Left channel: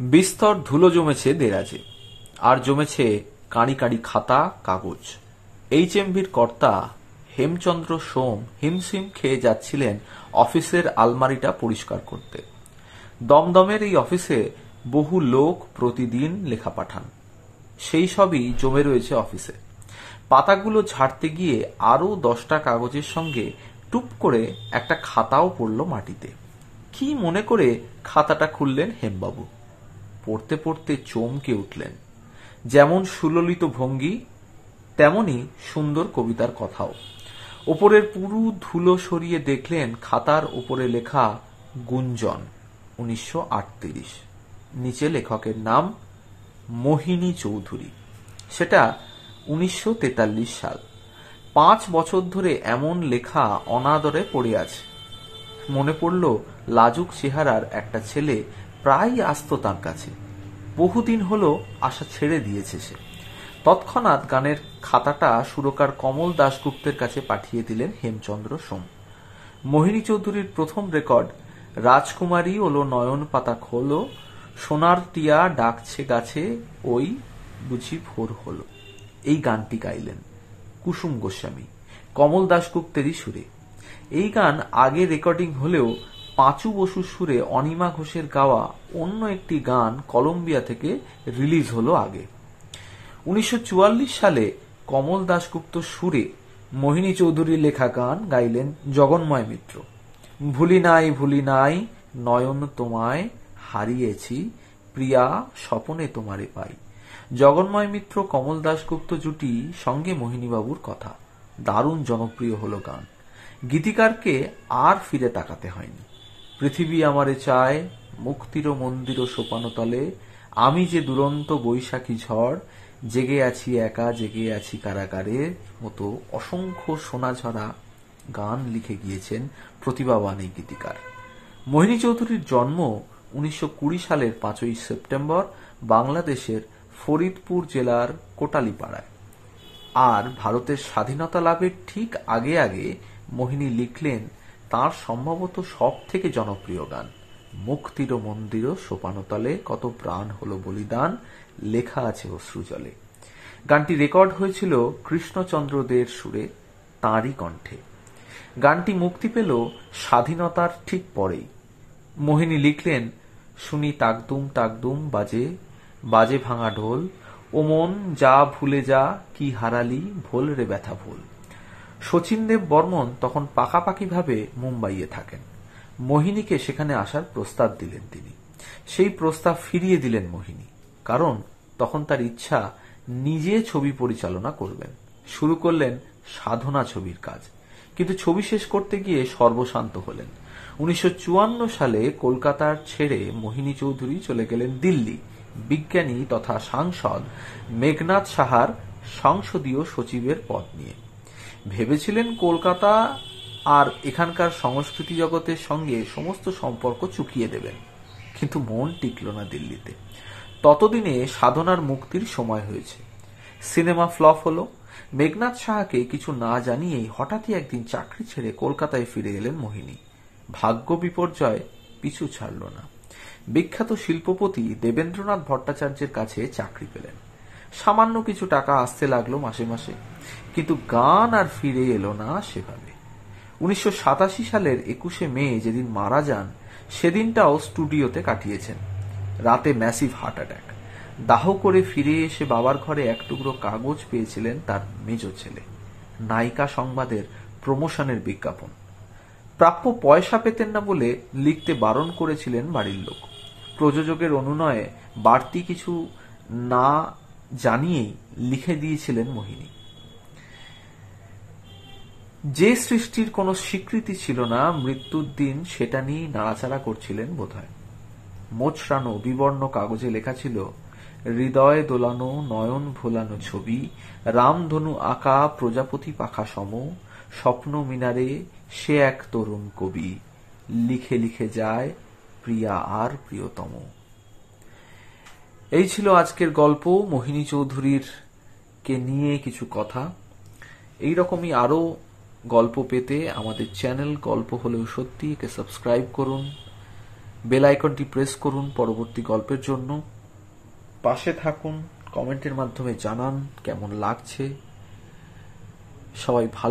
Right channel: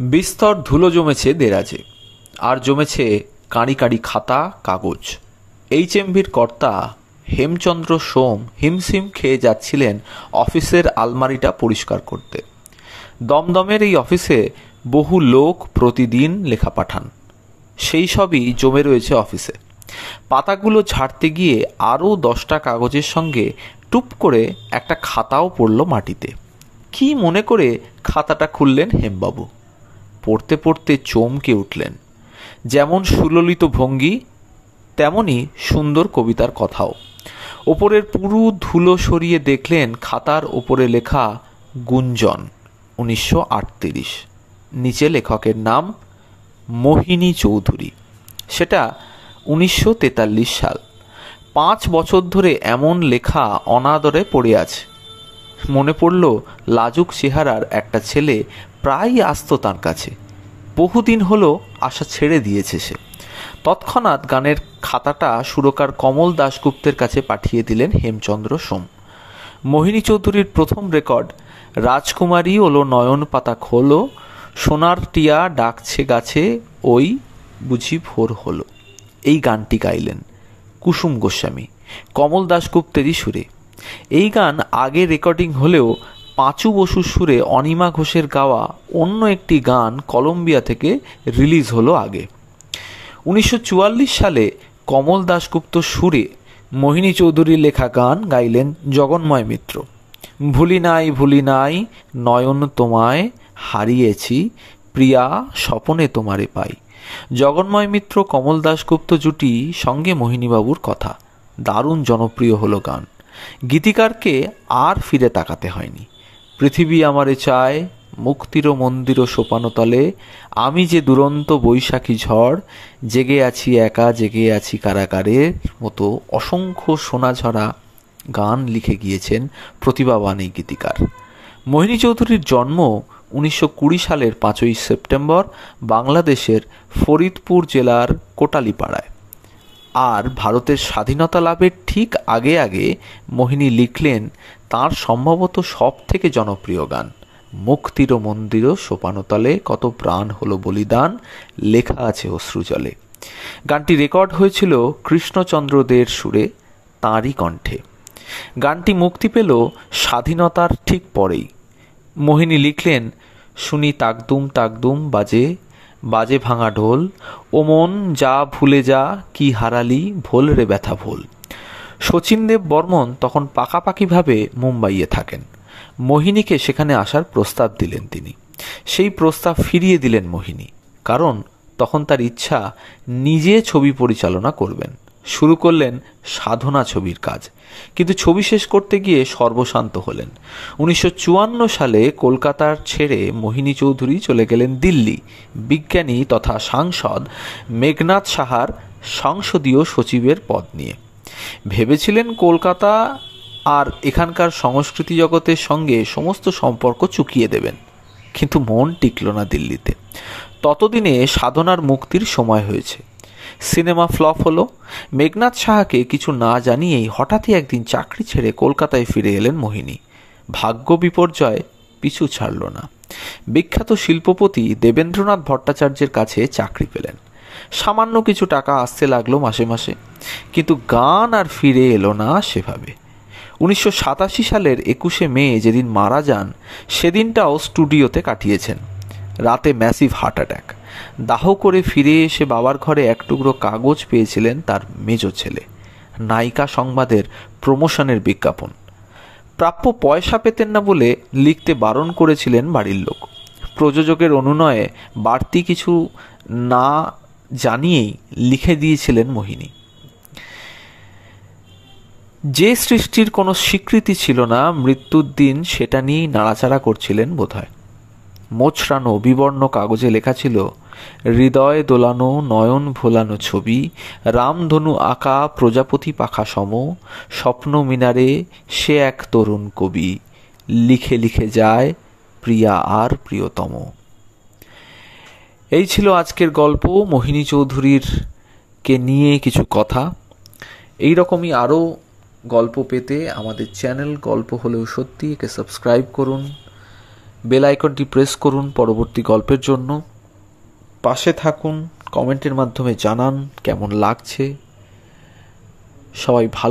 বিস্তর ধুলো জমেছে দেরাজে, আর জমেছে কাঁড়ি কাঁড়ি খাতা কাগজ। HMVর কর্তা হেমচন্দ্র সোম হিমশিম খেয়ে যাচ্ছিলেন অফিসের আলমারিটা পরিষ্কার করতে। দমদমের এই অফিসে বহু লোক প্রতিদিন লেখা পাঠান, সেই সবই জমে রয়েছে অফিসে। পাতাগুলো ঝাড়তে গিয়ে আরও 10টা কাগজের সঙ্গে টুপ করে একটা খাতাও পড়ল মাটিতে। কি মনে করে খাতাটা খুললেন হেমবাবু। পড়তে পড়তে চমকে উঠলেন। যেমন সুললিত ভঙ্গি, তেমনি সুন্দর কবিতার কথাও। ওপরের পুরো ধুলো সরিয়ে দেখলেন খাতার ওপরে লেখা গুঞ্জন 1938। নিচে লেখকের নাম মোহিনী চৌধুরী। সেটা 1943 সাল। 5 বছর ধরে এমন লেখা অনাদরে পড়ে আছে। মনে পড়ল লাজুক চেহারার একটা ছেলে প্রায় আসতো তার কাছে। বহুদিন হলো আশা ছেড়ে দিয়েছে সে। তৎক্ষণাৎ গানের খাতাটা সুরকার কমল দাশগুপ্তের কাছে পাঠিয়ে দিলেন হেমচন্দ্র সোম। মোহিনী চৌধুরীর প্রথম রেকর্ড রাজকুমারী ওলো নয়ন পাতা খোলো, সোনার টিয়া ডাকছে গাছে, ওই বুঝি ভোর হলো। এই গানটি গাইলেন কুসুম গোস্বামী কমল দাশগুপ্তেরই সুরে। এই গান আগে রেকর্ডিং হলেও পাঁচু বসুর সুরে অনিমা ঘোষের গাওয়া অন্য একটি গান কলম্বিয়া থেকে রিলিজ হলো আগে। 1944 সালে কমল দাশগুপ্ত সুরে মোহিনী চৌধুরীর লেখা গান গাইলেন জগন্ময় মিত্র। ভুলি নাই নয়ন তোমায় হারিয়েছি, প্রিয়া স্বপনে তোমারে পাই। জগন্ময় মিত্র কমল দাশগুপ্ত জুটি সঙ্গে মোহিনীবাবুর কথা। দারুণ জনপ্রিয় হলো গান। গীতিকারকে আর ফিরে তাকাতে হয়নি। পৃথিবী আমারে চায়, মুক্তির মন্দির সোপানতলে, আমি যে দুরন্ত বৈশাখী ঝড়, জেগে আছি একা জেগে আছি কারাগারের মতো অসংখ্য সোনাঝরা গান লিখে গিয়েছেন প্রতিভাবান এই গীতিকার। মোহিনী চৌধুরীর জন্ম 1920 সালের 5ই সেপ্টেম্বর বাংলাদেশের ফরিদপুর জেলার কোটালীপাড়ায়। আর ভারতের স্বাধীনতা লাভের ঠিক আগে আগে মোহিনী লিখলেন তাঁর সম্ভবত সব থেকে জনপ্রিয় গান মুক্তির মন্দির সোপানতলে, কত প্রাণ হলো বলিদান, লেখা আছে অশ্রুজলে। গানটি রেকর্ড হয়েছিল কৃষ্ণচন্দ্র দের সুরে, তাঁরই কণ্ঠে। গানটি মুক্তি পেল স্বাধীনতার ঠিক পরেই। মোহিনী লিখলেন শুনি তাকদুম তাকদুম বাজে, বাজে ভাঙা ঢোল, ও মন যা ভুলে যা কি হারালি, ভোল রে ব্যথা ভোল। শচীনদেব বর্মন তখন পাকাপাকিভাবে মুম্বাইয়ে থাকেন। মোহিনীকে সেখানে আসার প্রস্তাব দিলেন তিনি। সেই প্রস্তাব ফিরিয়ে দিলেন মোহিনী, কারণ তখন তার ইচ্ছা নিজে ছবি পরিচালনা করবেন। শুরু করলেন সাধনা ছবির কাজ, কিন্তু ছবি শেষ করতে গিয়ে সর্বশান্ত হলেন। 1954 সালে কলকাতার ছেড়ে মোহিনী চৌধুরী চলে গেলেন দিল্লি, বিজ্ঞানী তথা সাংসদ মেঘনাদ সাহার সংসদীয় সচিবের পদ নিয়ে। ভেবেছিলেন কলকাতা আর এখানকার সংস্কৃতি জগতের সঙ্গে সমস্ত সম্পর্ক চুকিয়ে দেবেন, কিন্তু মন টিকল না দিল্লিতে। ততদিনে সাধনার মুক্তির সময় হয়েছে। সিনেমা ফ্লপ হলো। মেঘনাদ সাহাকে কিছু না জানিয়েই হঠাৎই একদিন চাকরি ছেড়ে কলকাতায় ফিরে এলেন মোহিনী। ভাগ্য বিপর্যয় পিছু ছাড়ল না। বিখ্যাত শিল্পপতি দেবেন্দ্রনাথ ভট্টাচার্যের কাছে চাকরি পেলেন। সামান্য কিছু টাকা আসতে লাগলো মাসে মাসে, কিন্তু গান আর ফিরে এলো না সেভাবে। 1987 সালের 21শে মে যেদিন মারা যান, সেদিনটাও স্টুডিওতে কাটিয়েছেন। রাতে ম্যাসিভ হার্ট অ্যাটাক। দাহ করে ফিরে এসে বাবার ঘরে এক টুকরো কাগজ পেয়েছিলেন তার মেজ ছেলে। নায়িকা সংবাদের প্রমোশনের বিজ্ঞাপন। প্রাপ্য পয়সা পেতেন না বলে লিখতে বারণ করেছিলেন বাড়ির লোক। প্রযোজকের অনুনয়ে বাড়তি কিছু না জানিয়েই লিখে দিয়েছিলেন মোহিনী। যে সৃষ্টির কোনো স্বীকৃতি ছিল না মৃত্যুর দিন, সেটা নিয়েই নাড়াচাড়া করছিলেন বোধহয়। মোচড়ানো বিবর্ণ কাগজে লেখা ছিল হৃদয় দোলানো নয়ন ভোলানো ছবি, রামধনু আঁকা প্রজাপতি পাখা সম, স্বপ্ন মিনারে সে এক তরুণ কবি, লিখে লিখে যায় প্রিয়া আর প্রিয়তম। এই ছিল আজকের গল্প, মোহিনী চৌধুরীর কে নিয়ে কিছু কথা। এই রকমই আরও গল্প পেতে আমাদের চ্যানেল গল্প হলেও সত্যি একে সাবস্ক্রাইব করুন, বেল আইকনটি প্রেস করুন পরবর্তী গল্পের জন্য। পাশে থাকুন, কমেন্টের মাধ্যমে জানান কেমন লাগছে। সবাই ভালো